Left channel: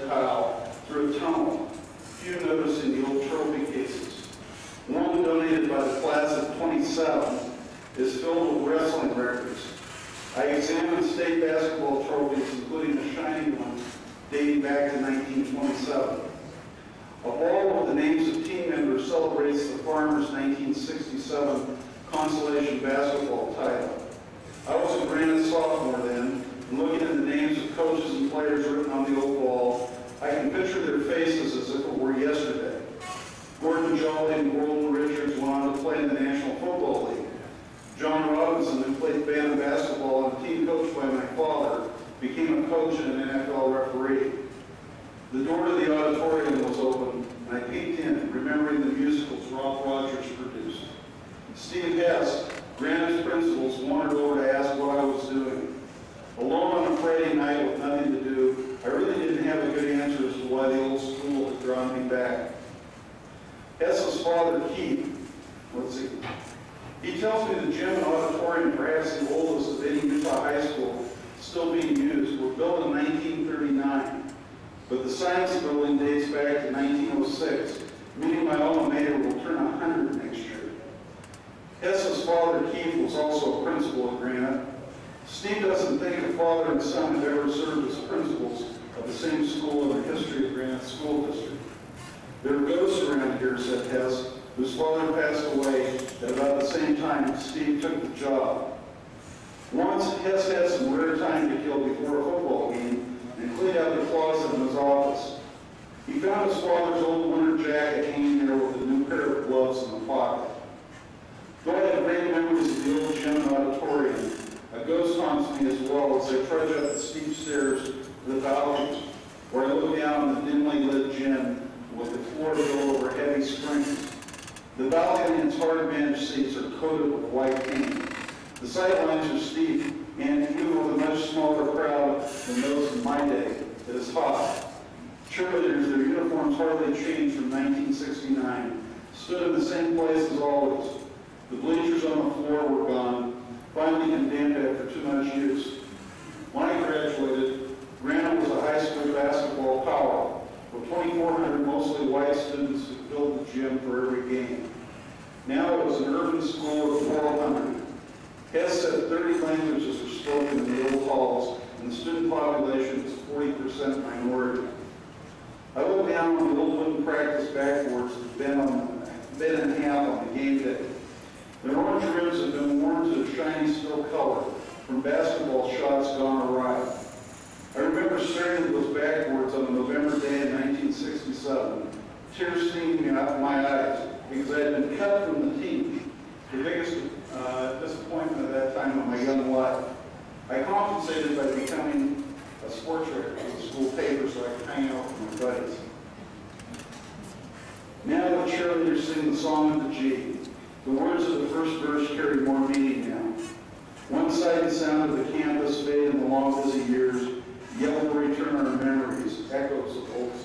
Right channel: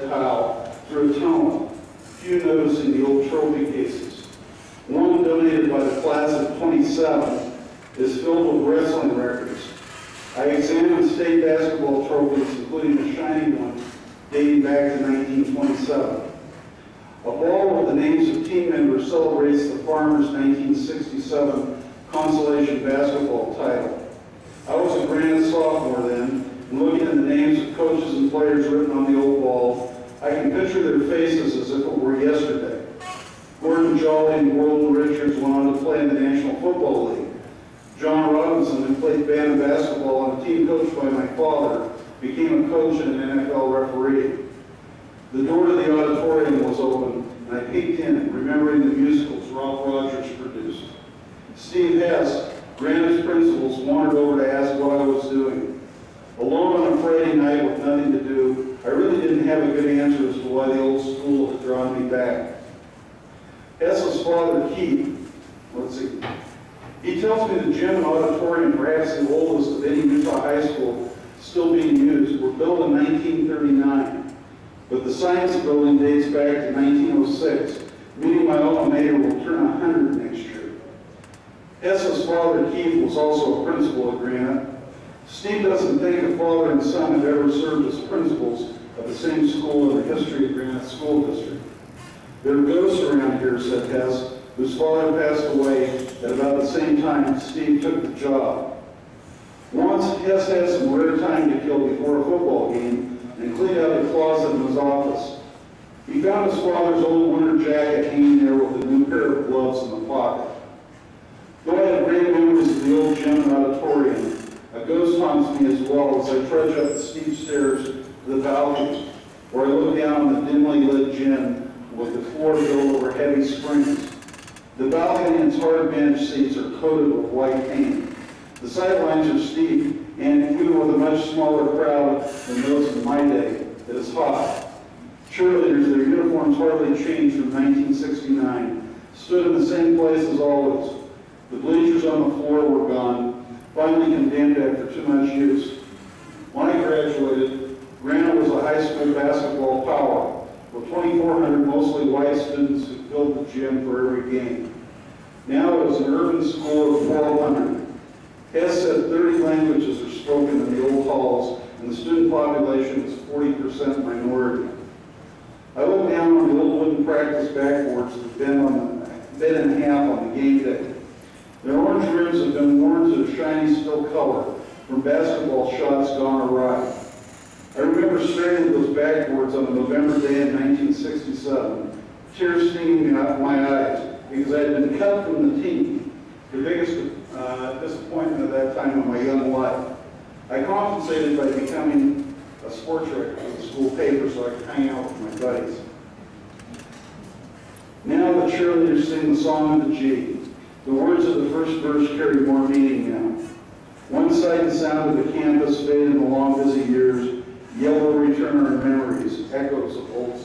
tile through a tunnel, few noticing the old trophy cases. One donated by the class of 27 is filled with wrestling records. I examined state basketball trophies, including a shiny one dating back to 1927. A ball with the names of team members celebrates the Farmers' 1967 consolation basketball title. I was a Granite sophomore then, and looking at the names of coaches and players written on the old ball, I can picture their faces as if it were yesterday. Gordon Jolly and Wharton Richards went on to play in the National Football League. John Robinson, who played band basketball and a team coached by my father, became a coach and an NFL referee. The door to the auditorium was open, and I peeked in, remembering the musicals Ralph Rogers produced. Steve Hess, Granite's principals, wandered over to ask what I was doing. Alone on a Friday night with nothing to do, I really didn't have a good answer as to why the old school had drawn me back. Hess's father, Keith, he tells me the gym and auditorium, perhaps the oldest of any Utah high school still being used, were built in 1939. But the science building dates back to 1906, meaning my alma mater will turn 100 next year. Hess's father, Keith, was also a principal at Granite. Steve doesn't think a father and son have ever served as principals of the same school in the history of Granite School District. There are ghosts around here, said Hess, whose father passed away at about the same time Steve took the job. Once, Hess had some rare time to kill before a football game and cleaned out the closet in his office. He found his father's old winter jacket hanging there with a new pair of gloves in the pocket. Though I have great memories of the old gym and auditorium, a ghost haunts me as well as I trudge up the steep stairs to the balcony, where I look down on the dimly lit gym with the floor built over heavy springs. The balcony and its hard bench seats are coated with white paint. The sidelines are steep, and even with a much smaller crowd than those in my day, it is hot. Cheerleaders, their uniforms hardly changed from 1969, stood in the same place as always. The bleachers on the floor were gone, finally condemned after too much use. When I graduated, Granite was a high school basketball power, with 2,400 mostly white students who filled the gym for every game. Now it was an urban school of 1,200. Hess said 30 languages are spoken in the old halls, and the student population is 40% minority. I look down on the old wooden practice backboards that bent in half on the game day. Their orange rims have been worn to a shiny steel color from basketball shots gone awry. I remember staring at those backboards on a November day in 1967, tears stinging me out of my eyes because I had been cut from the team, the biggest disappointment at that time of my young life. I compensated by becoming a sports writer for the school paper so I could hang out with my buddies. Now the cheerleaders sing the song of the G. The words of the first verse carry more meaning now. One sight and sound of the campus fade in the long busy years, yellow return our memories, echoes of old